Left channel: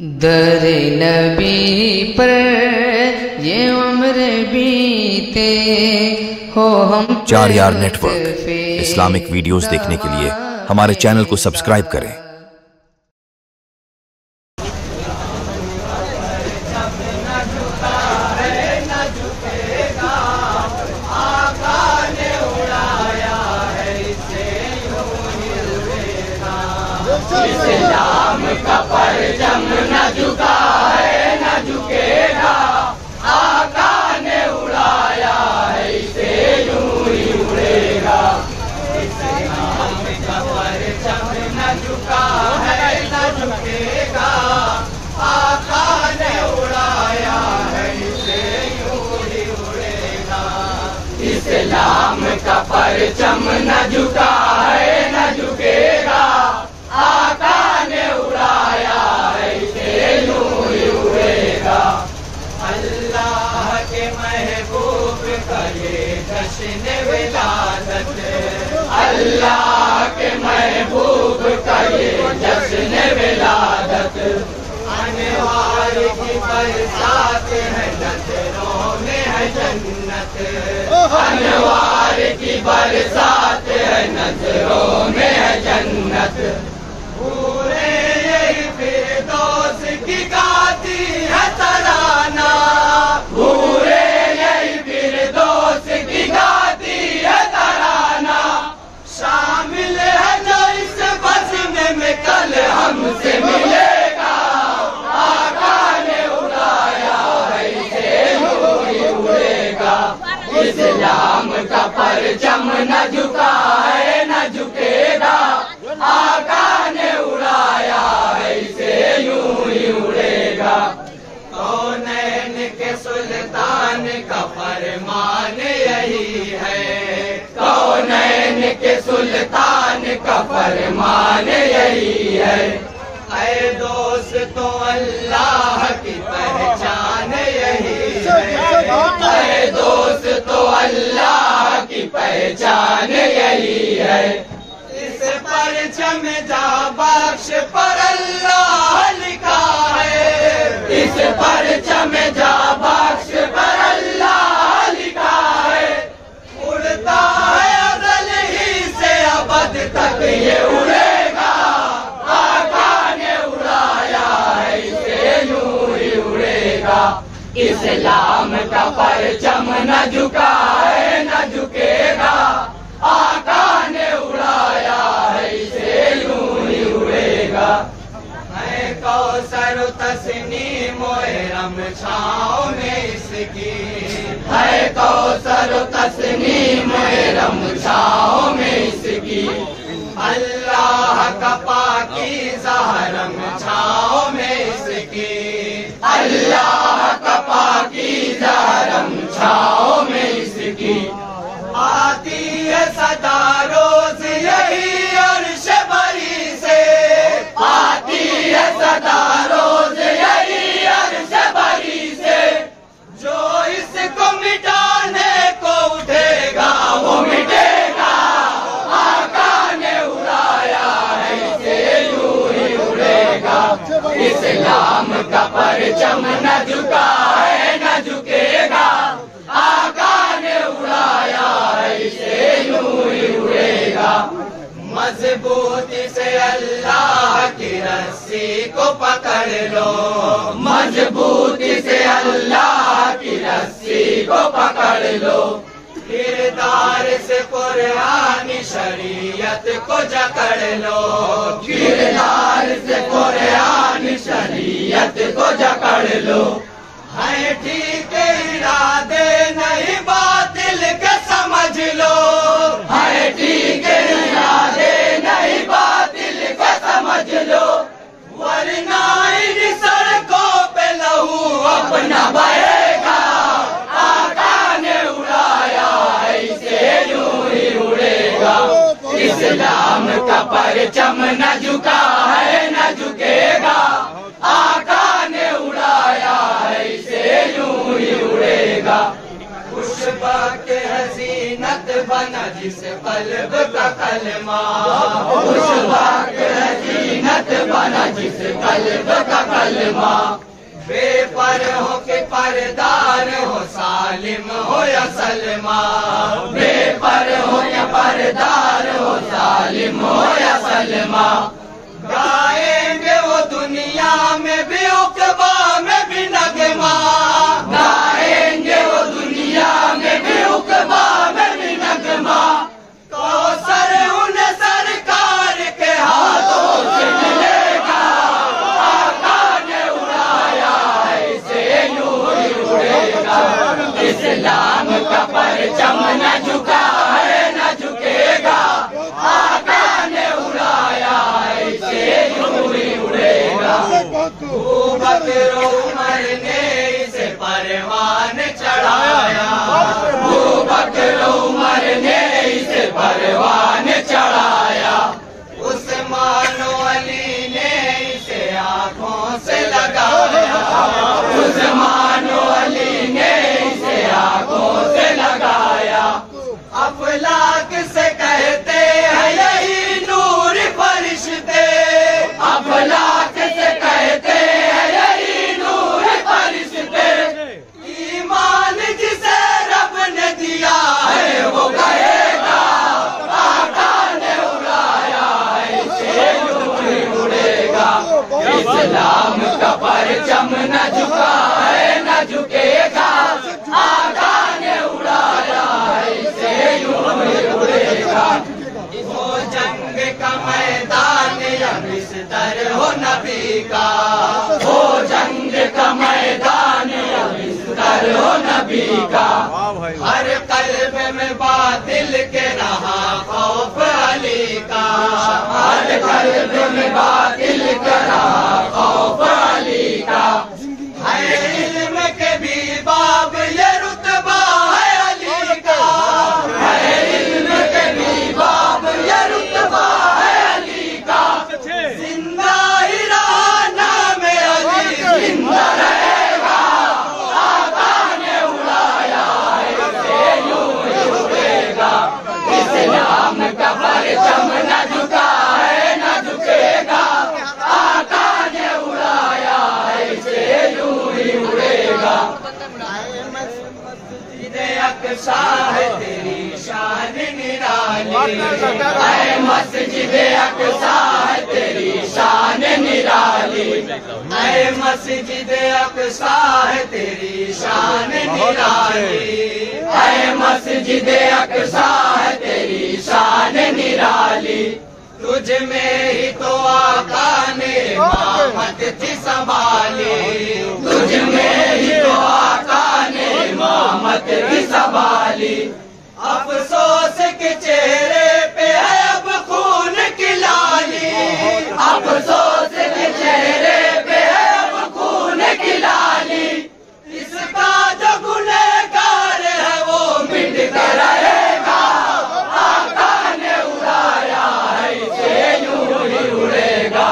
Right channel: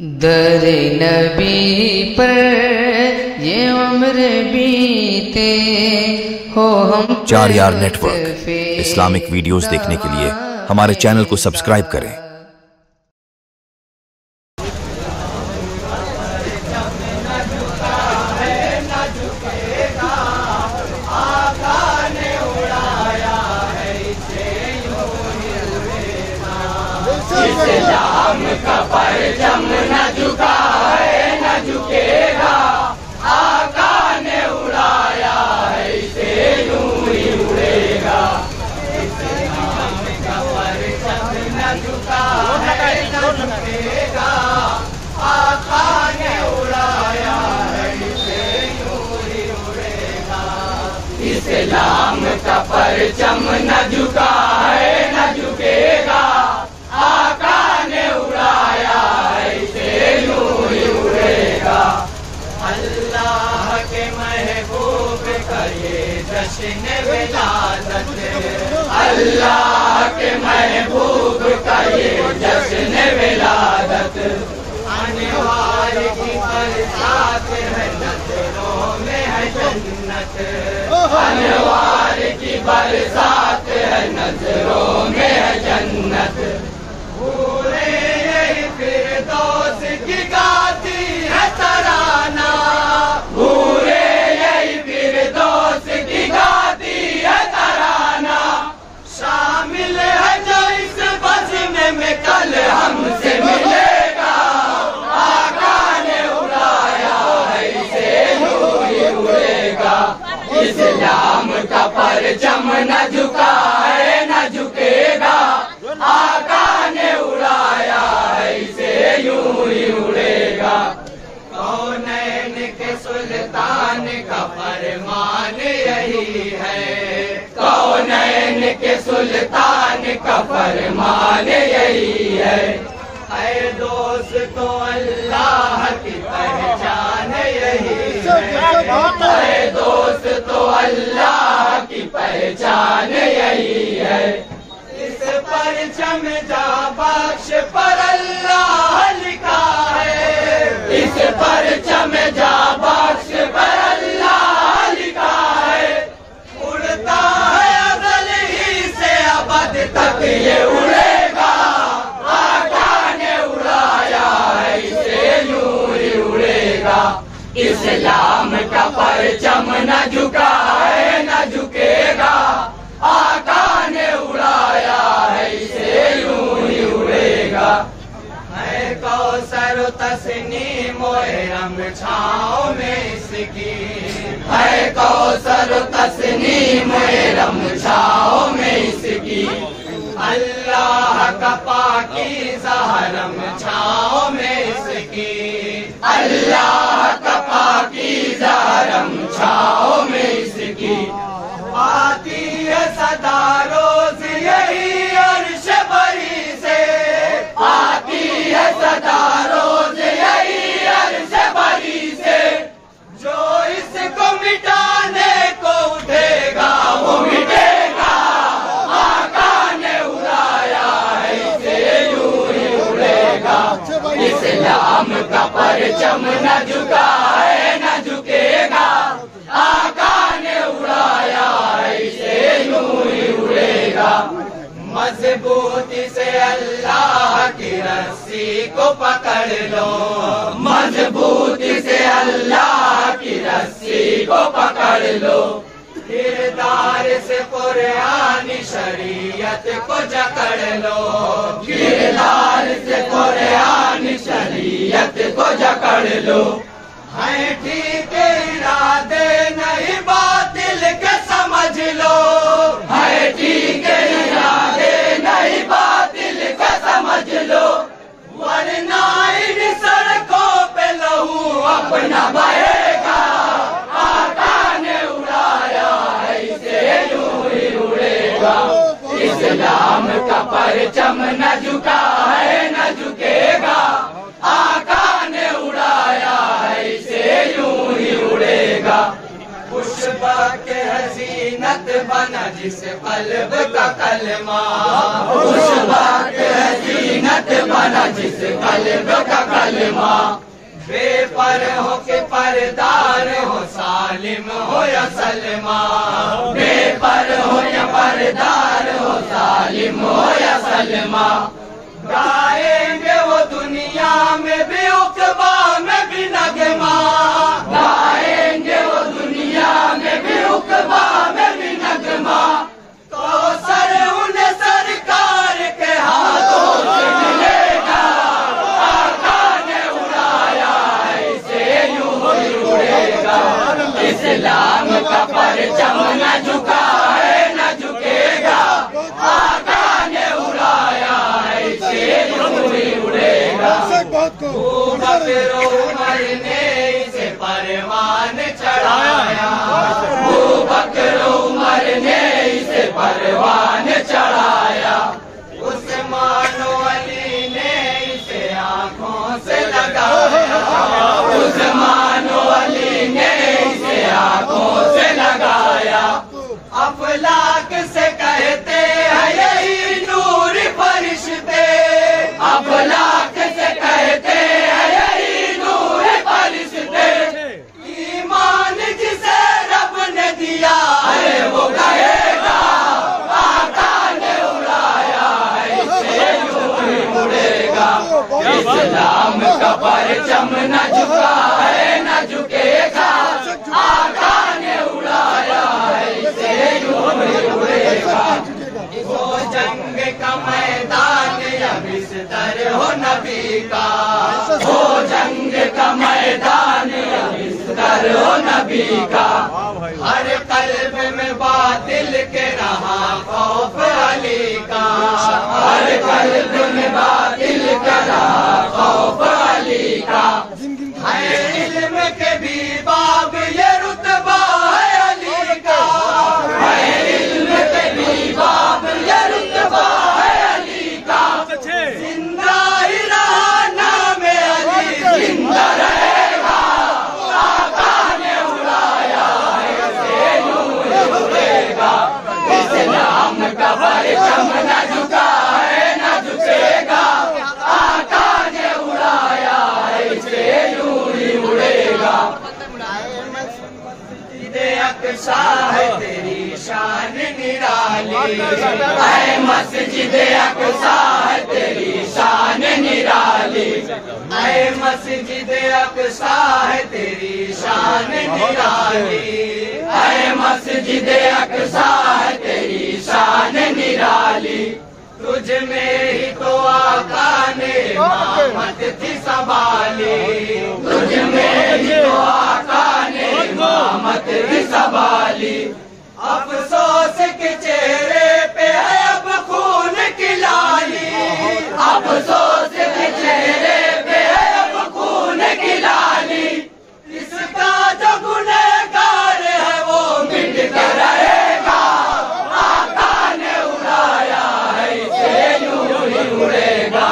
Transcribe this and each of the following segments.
در نبی پر یہ عمر بیتے ہو ہم 4 نیٹ ورک اسلامک ویڈیوز دیکھنے کے لیے ہمارے چینل کو سبسکرائب کریں۔ اسلام کا پرچم نہ جھکا ہے نہ جھکے گا، آقا نے اڑایا ہے اسے یوں ہی اڑے گا۔ اسلام کا پرچم نہ جھکا ہے نہ جھکے گا، آقا نے اڑایا ہے اسے یوں ہی اڑے گا۔ اسلام کا پرچم نہ جھکا ہے نہ جھکے گا، آقا نے اڑایا ہے اسے یوں ہی اڑے گا۔ اللہ کے محبوب کا یہ جشن ولادت، اللہ کے محبوب کا یہ جشن ولادت، انوار کی برسات ہے نظروں میں ہے جنت، انوار کی برسات ہے نظروں میں ہے جنت۔ پورے یہی فردوس کی گاتی ہے ترانہ، پورے یہی فردوس کی گاتی ہے ترانہ، شامل ہے جو اس بزم میں کل ہم سے ملے گا، آقا نے اڑایا ہے اسے یوں ہی اڑے گا۔ اسلام کا پرچم نہ جھکا ہے نہ جھکے گا، آقا نے اڑایا ہے اسے یوں ہی اڑے گا۔ کونین کے سلطان کا فرمان یہی ہے، کونین کے سلطان کا فرمان یہی ہے، اے دوستو اللہ کی پہچان یہی ہے، اے دوستو اللہ کی پہچان یہی ہے۔ اس پرچم جا بخش پر اللہ لکھا ہے، اس پرچم جا بخش پر اللہ لکھا ہے، اڑتا ہے ازل ہی سے ابد تک یہ اڑے گا، آقا نے اڑایا ہے اسے یوں ہی اڑے گا۔ اسلام کا پرچم نہ جھکا ہے نہ جھکے گا، آقا نے اڑایا ہے اسے یوں ہی اڑے گا۔ ہے کوثر و تسنیم و ارم چھاؤں میں اس کی، ہے کوثر و تسنیم و ارم چھاؤں میں اس کی، اللہ کا پاکیزہ حرم چھاؤں میں اس کی، اللہ کا پاکیزہ حرم چھاؤں میں اس کی، آتی ہے صدا روز یہی عرش بری سے، آتی ہے صدا روز یہی عرش بری سے، جو اس کو مٹانے کو اٹھے گا وہ مٹے گا، آقا نے اڑایا ہے اسے یوں ہی اڑے گا۔ اسلام کا پرچم نہ جھکا ہے نہ جھکے گا، آقا نے اڑایا ہے اسے یوں ہی اڑے گا۔ مضبوطی سے اللہ کی رسی کو پکڑ لو، مضبوطی سے اللہ کی رسی کو پکڑ لو، کردار سے قرآن شریعت کو جکڑ لو، کردار سے قرآن شریعت کو جکڑ لو، ہے ٹھیک ارادے نہیں باطل کے سمجھ لو، ہے ٹھیک ارادے نہیں باطل کے سمجھ لو، ورنہ ان سڑکوں پہ لہو اپنا بہے گا، آقا نے اڑایا ہے اسے یوں ہی اڑے گا۔ اسلام کا پرچم نہ جھکا ہے نہ جھکے گا، آقا نے اڑایا ہے اسے یوں ہی اڑے گا۔ خوش بخت حسینت बना जिस कल्ब का कलमा, उस वक्त जीनत बना जिस कल्ब का कलमा। बेपरहों के परदार हो सालिम हो या सलमा, बेपरहों के परदार हो सालिम हो या सलमा। गाएंगे वो दुनिया में भी उक़बा में भी नगमा, गाएंगे वो दुनिया में भी उक़बा में भी नगमा। तो सर उन्हें सरकार के हाथों से मिलेगा, आका ने उड़ाया इसे यूं ही उड़ेगा। इस्लाम का परचम न झुका है न झुकेगा, आका ने उड़ाया इसे यूं ही उड़ेगा। बकर उमर ने इसे परवान चढ़ाया, बकर उमर ने इसे परवान चढ़ाया। उस्मान अली ने इसे आंखों से लगाया, उस्मान अली ने इसे आंखों से लगाया। अफलाक से कहते हैं यही नूर फरिश्ते, अफलाक से कहते हैं यही नूर फरिश्ते। ईमान जिसे रब ने दिया है वो कहेगा, आका ने उड़ाया इसे यूं ही उड़ेगा। इस्लाम का परचम न झुका है न झुकेगा, आका ने उड़ाया इसे यूं ही उड़ेगा। हो जंग का मैदान या बिस्तर हो नबी का, हो जंग का मैदान या बिस्तर हो नबी का। हर कल्ब में बातिल के रहा खौफ अली का, हर कल्ब में बातिल का रहा खौफ अली का। हर इल्म के भी बाब ये रुतबा है अली का, हर इल्म के भी बाब ये रुतबा है अली का। जिंदा ही रहा नाम अली जिंदा रहेगा, आका ने उड़ाया इसे यूं ही उड़ेगा। इस्लाम का परचम न झुका है न झुकेगा, आका ने उड़ाया इसे यूं ही उड़ेगा। अक्सा है तेरी शान निराली, ऐ मस्जिद अक्सा है तेरी शान निराली, ऐ मस्जिद अक्सा है तेरी शान निराली, ऐ मस्जिद अक्सा है तेरी शान निराली। तुझ में ही तो आका ने इमामत थी संभाली, तुझ में ही तो आका ने इमामत थी संभाली। अफसोस के चेहरे पे है अब खून की लाली, अफसोस के चेहरे पे है अब खून की लाली। इसका जो गुनहगार है वो मिट कर रहेगा, आका ने उड़ाया है इसे यूं ही उड़ेगा।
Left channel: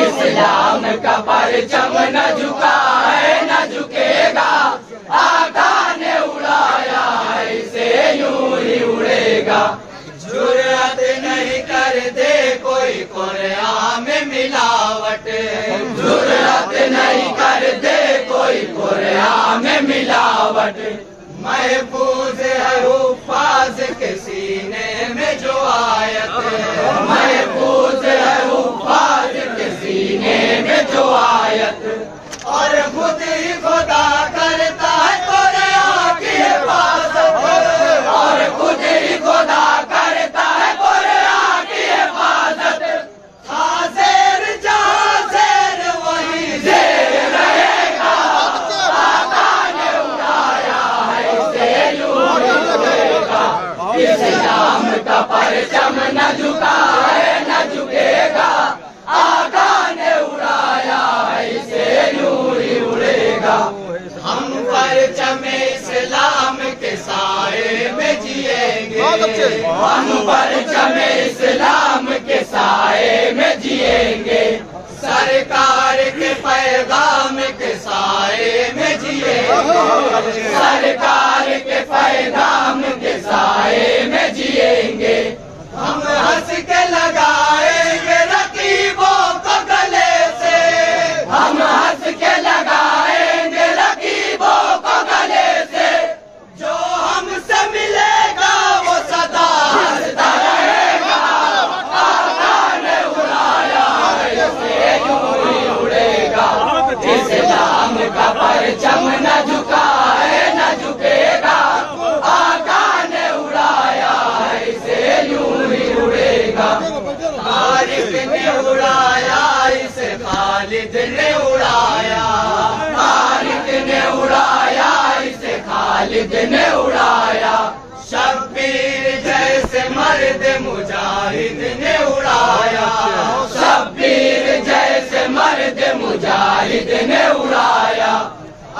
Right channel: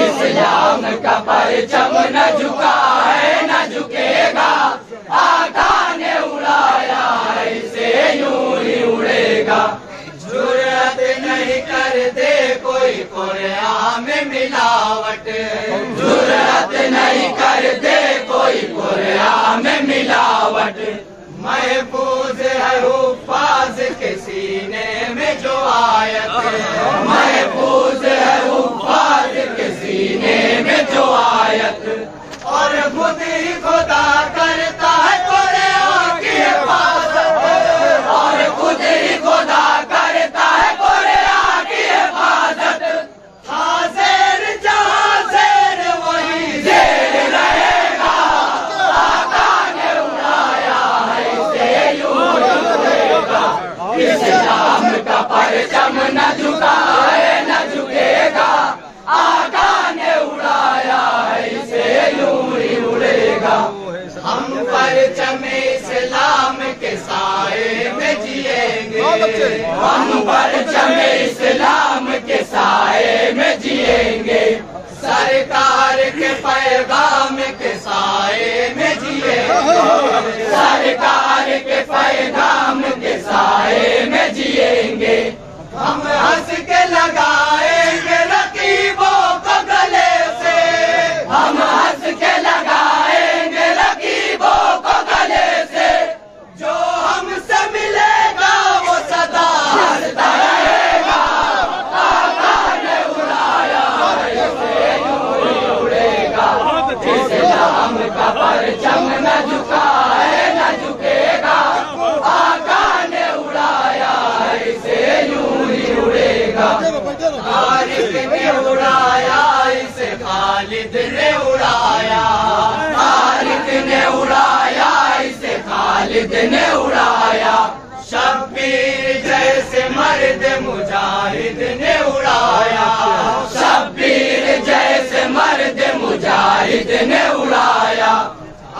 इस्लाम का परचम न झुका है न झुकेगा, आका ने उड़ाया इसे यूं ही उड़ेगा। जुर्रत नहीं कर दे कोई कुरान में मिलावट, जुर्रत नहीं कर दे कोई कुरान में मिलावट। महफूज है हुफ्फाज के सीने में जो आयत, महफूज है हुफ्फाज के सीने में जो आयत। और खुद ही खुदा करता है कुरान की हिफाजत, और खुद ही खुदा करता है कुरान की हिफाजत। हाज़िर जहां ज़ेर वही ज़ेर रहेगा, आका ने उड़ाया है इसे यूं ही उड़ेगा। इस्लाम का परचम न झुका है न झुकेगा, आका ने उड़ाया है इसे यूं ही उड़ेगा। हम परचम इस्लाम के साए में जिएंगे, हम परचम इस्लाम के साए में जिएंगे। सरकार के पैगाम के साए में जिएंगे, सरकार के पैगाम के साए में जिएंगे। उड़ाएंगे, हम हंस के लगाएंगे रकीबों को गले से, हम हंस के लगाएंगे रकीबों को गले से, जो हमसे मिलेगा वो सदा हंसता रहेगा। आका ने उड़ाया ऐसे यूं ही उड़ेगा, इस्लाम का परचम न झुका है न झुकेगा। आका ने उड़ाया ऐसे यूं ही उड़ेगा। खालिद ने उड़ाया इसे खालिद ने उड़ाया, खालिद ने उड़ाया इसे खालिद ने उड़ाया। शब्बीर जैसे मर्द मुजाहिद ने उड़ाया, शब्बीर जैसे मर्द मुजाहिद ने उड़ाया।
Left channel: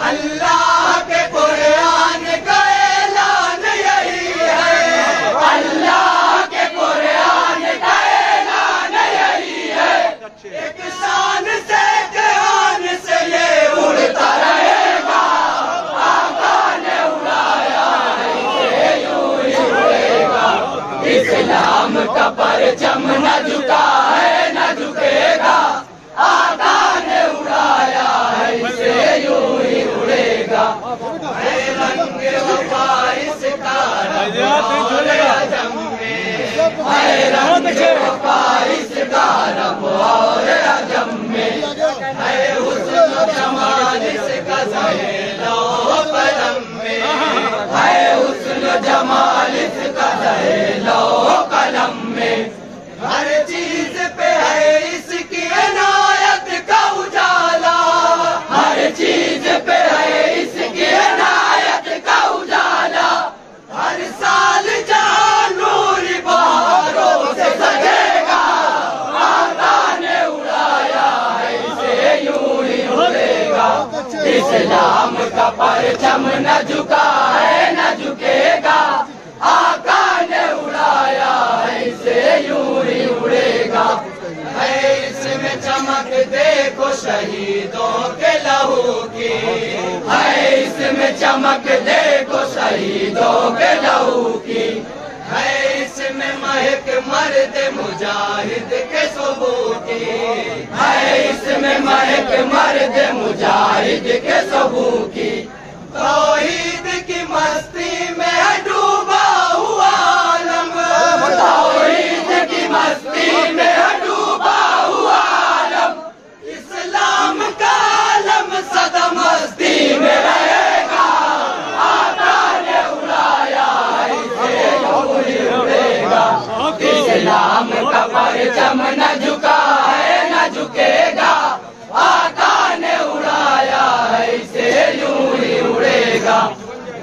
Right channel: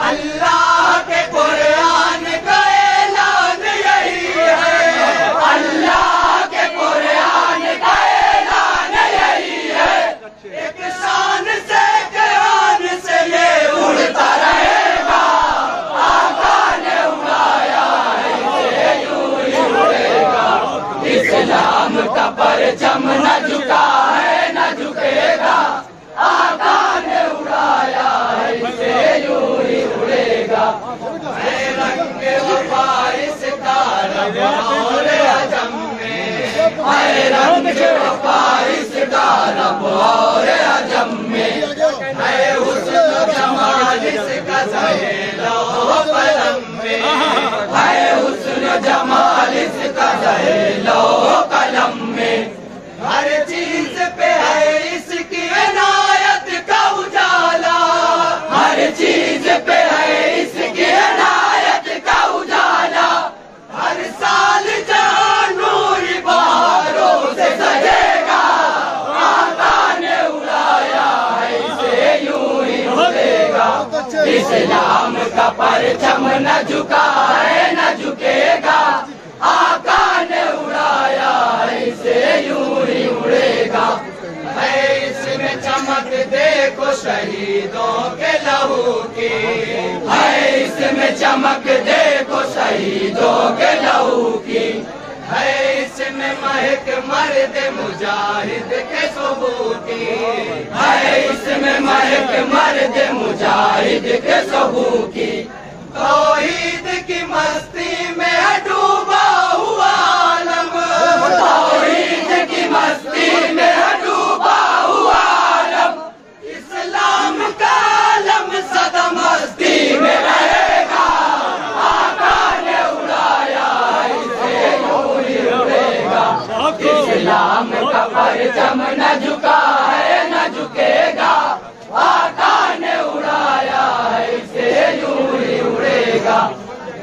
अल्लाह के कुरान का ऐलान यही है, अल्लाह के कुरान का ऐलान यही है। एक शान से कयान से ये उड़ता रहेगा। आका ने उड़ाया इसे यूं ही उड़ेगा, इस्लाम का परचम न झुका है न झुकेगा। आका ने उड़ाया इसे यूं ही उड़ेगा। है रंग वफा इसका रब और अजम में, है रंग वफा इसका रब और अजम में। है हुस्न जमाल इसका ज़हे-लौह कलम में, है हुस्न जमाल इसका ज़हे-लौह कलम में। हर चीज पे है इसकी इनायत का उजाला, हर चीज पे है इसकी इनायत का उजाला। हर साल जहां नूर बहारों से सजेगा। आका ने उड़ाया इसे यूं ही उड़ेगा, इस्लाम का परचम न झुका है न झुकेगा। आका ने उड़ाया इसे यूं ही उड़ेगा। है इसमें चमक देखो शहीदों के लहू की, है इसमें चमक देखो शहीदों के लहू की। है इसमें महक मर्द मुजाहिद के सबूत की, है इसमें महक मर्द मुजाहिद के सबूत की। तौहीद की मस्ती में है डूबा हुआ आलम, तौहीद की मस्ती में है डूबा हुआ आलम। इस्लाम का आलम सदा मस्ती में रहेगा। आका ने उड़ाया इसे यूं ही उड़ेगा, इस्लाम का परचम न झुका है न झुकेगा। आका ने उड़ाया इसे यूं ही उड़ेगा।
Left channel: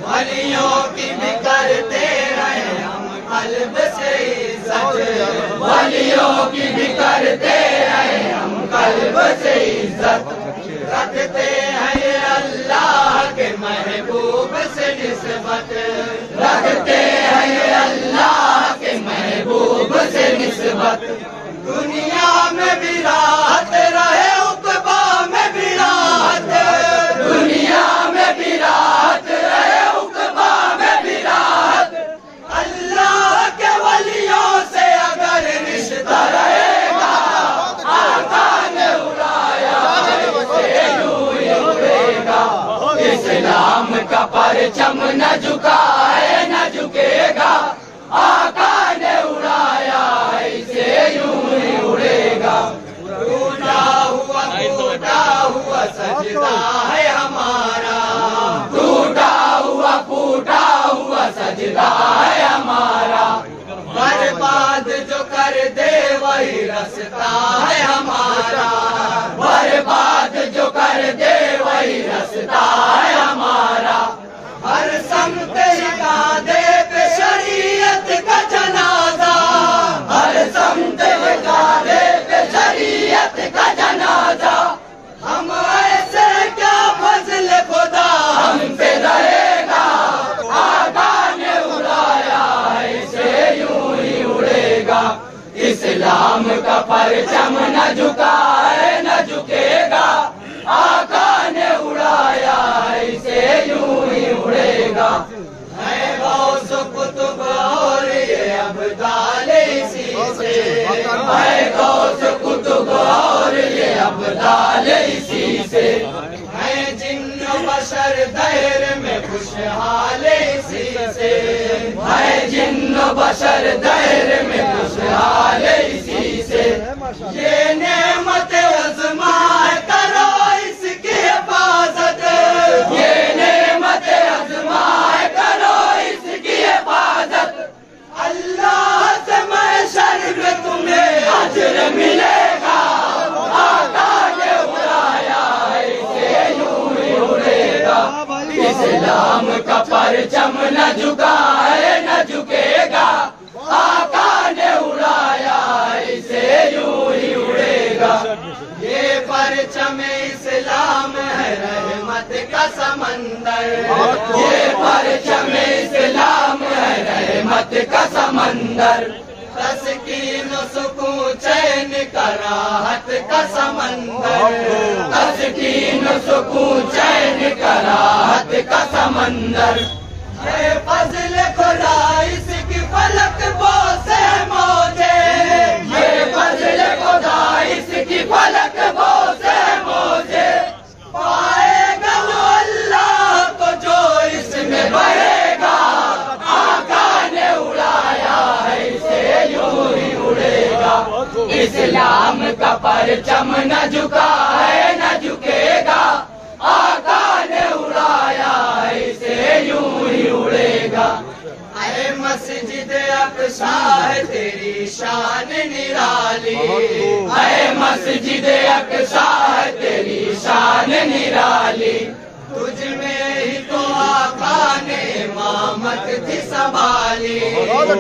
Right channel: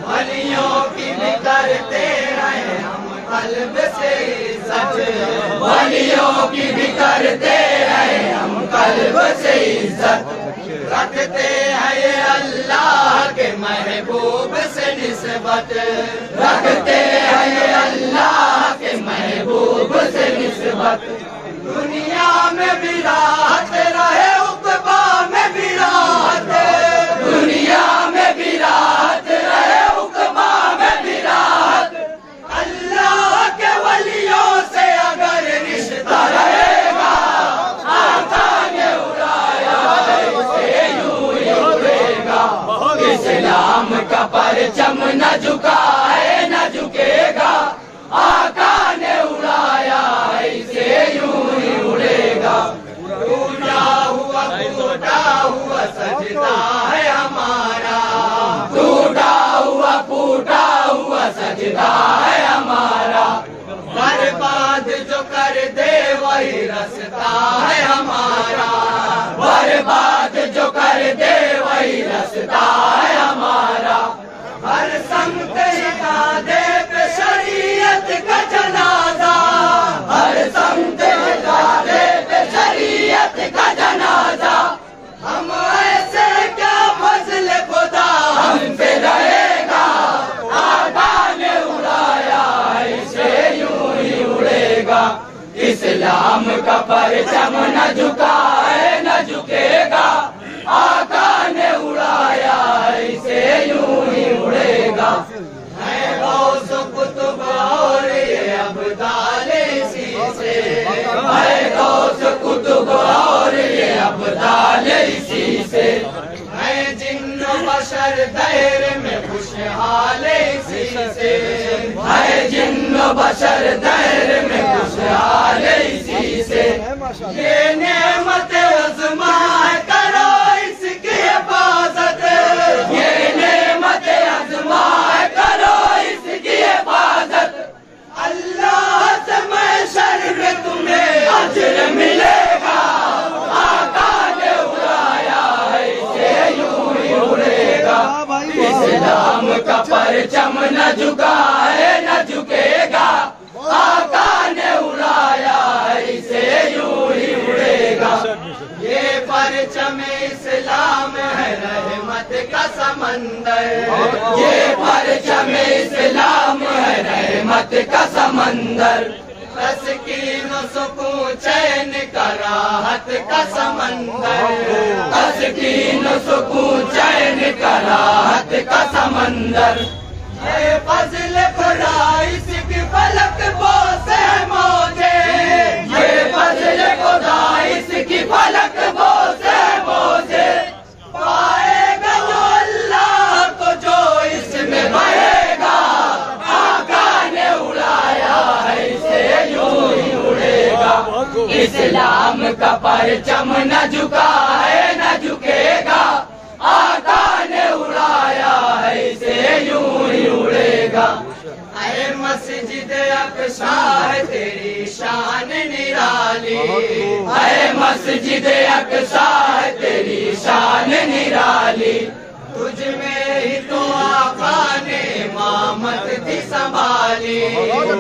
वलियों की भी करते रहे हम कल्ब से इज्जत, वलियों की भी करते रहे हम कल्ब से इज्जत। रखते हैं ये अल्लाह के महबूब से निस्बत, रखते हैं ये अल्लाह के महबूब से निस्बत। दुनिया में भी राहत रहे उक़बा में भी राहत, दुनिया में भी राहत रहे उक़बा में भी राहत। अल्लाह के वलियों से अगर रिश्ता रहेगा। आका ने उड़ाया इसे यूं ही उड़ेगा, इस्लाम का परचम न झुका है न झुकेगा। आका ने उड़ाया इसे यूं ही उड़ेगा। टूटा हुआ सजदा है हमारा, टूटा हुआ सजदा है हमारा। बर्बाद जो कर दे वही रास्ता है हमारा, बर्बाद जो कर दे वही रास्ता है हमारा। हर समत हिदायत पे शरीयत का जनाजा, हर समत हिदायत पे शरीयत का जनाजा। हम ऐसे क्या फजल खुदा हम पे रहेगा। आका ने उड़ाया इसे यूं ही उड़ेगा, इस्लाम का परचम न झुका है न झुकेगा। आका ने उड़ाया इसे यूं ही उड़ेगा। है गौस कुतुब और अब खुशहाल इसी से, है जिन्न बशर दहर में खुशहाल इसी से, है जिन्न बशर दहर में खुशहाल इसी से। ये नेमत आज़माए करो इसकी हिफाजत, ये नेमत आज़माए करो इसकी हिफाजत। अल्लाह से महशर में तुम्हें अजर मिलेगा, आका ने उड़ाया है इसे यूं ही उड़ेगा। इस्लाम का परचम न झुका है न झुकेगा, आका ने उड़ाया है इसे यूं ही उड़ेगा। ये परचम इस्लाम है रहमत का समंदर, ये परचम इस्लाम है रहमत का समंदर। तस्कीन सुकून चैन का राहत का समंदर, तस्कीन सुकून चैन का राहत का समंदर। ये फज़ल खुदा इसकी फलक बोसे मौजे, ये फज़ल खुदा इसकी फलक बोसे मौजे। पाएगा जो अल्लाह को जो इसमें बहेगा, आका ने उड़ाया है इसे यूं ही उड़ेगा। इस्लाम का परचम न झुका है न झुकेगा, आका ने उड़ाया है इसे यूं ही उड़ेगा। ऐ मस्जिद अक़सा है तेरी शान निराली, ऐ मस्जिद अक़सा है तेरी शान निराली। तुझ में ही तो आका ने इमामत थी संभाली,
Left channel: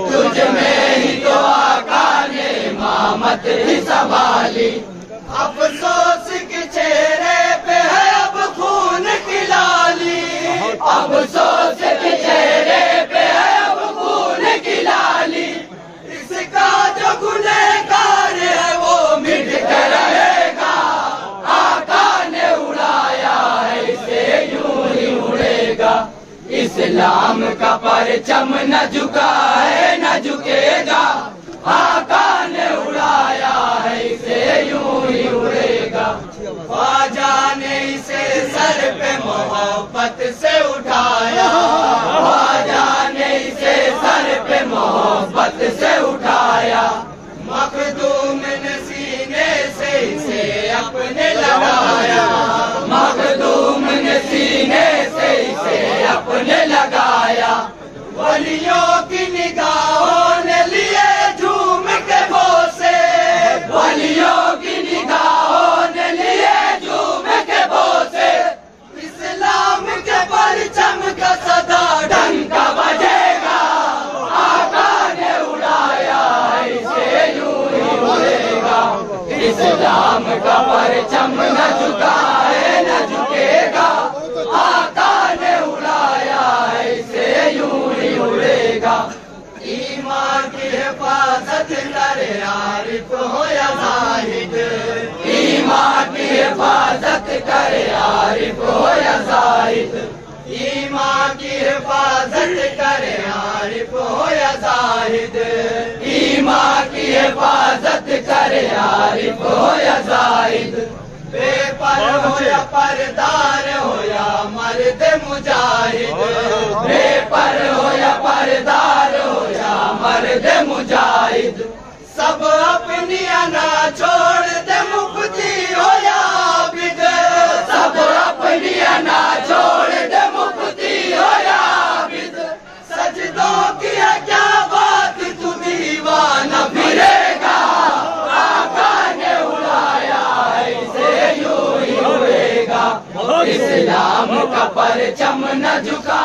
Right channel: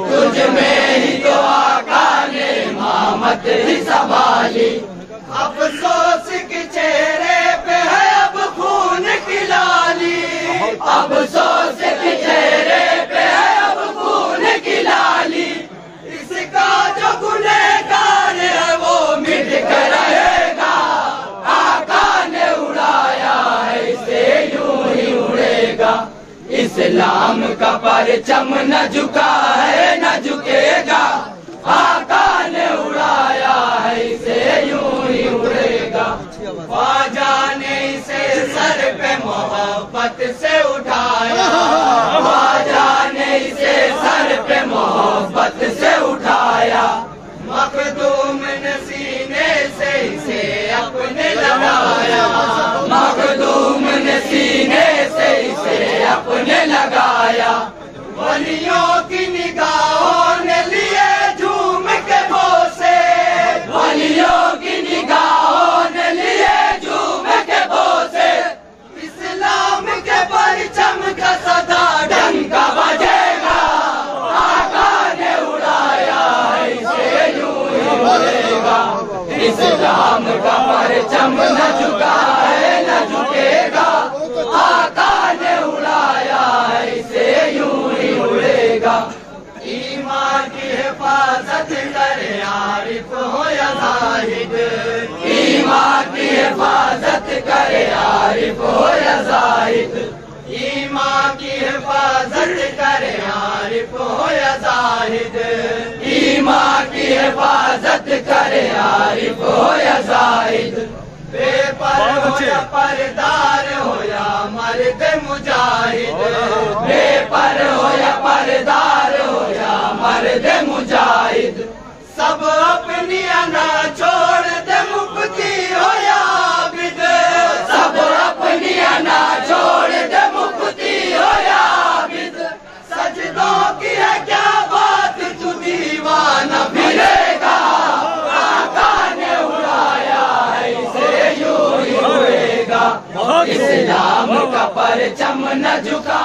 तुझ में ही तो आका ने इमामत थी संभाली। अफसोस के चेहरे पे है अब खून की लाली, अफसोस के चेहरे पे है अब खून की लाली। इसका जो गुनहगार है वो मिट कर रहेगा, आका ने उड़ाया है इसे यूं ही उड़ेगा। इस्लाम का परचम न झुका है न झुकेगा, आका ने उड़ाया है इसे यूं ही उड़ेगा। ख्वाजा ने इसे सर पे मोहब्बत से उठाया, ख्वाजा ने इसे सर पे मोहब्बत से उठाया। मखदूम ने सीने से इसे अपने लगाया, मखदूम ने सीने से इसे अपने लगाया। वलियों की निगाहों ने लिए झूम के बोसे, वलियों की निगाहों ने लिए झूम के बोसे। इस्लाम के परचम का सदा डंका बजेगा, आका ने उड़ाया है इसे यूं ही उड़ेगा। इस्लाम का परचम न झुका है न झुकेगा, आका ने उड़ाया है इसे यूं ही उड़ेगा। ईमान की हिफाजत करे आरिफ हो या जाहिद, ईमान की हिफाजत करे आरिफ हो या जाहिद। ईमान की हिफाजत करे आरिफ हो या जाहिद, ईमान की हिफाजत करे आरिफ हो या जाहिद। बेपर हो या परदार हो या मर्द मुजाहिद, बेपर हो या परदार हो या मर्द मुजाहिद। सब अपनी अना छोड़ दे मुफ्ती हो या आबिद, सब अपनी अना छोड़ दे मुफ्ती हो या आबिद। सजदों की है क्या बात तू दीवाना फिरेगा, आका ने उड़ाया है इसे यूं ही उड़ेगा। इस्लाम का परचम न झुका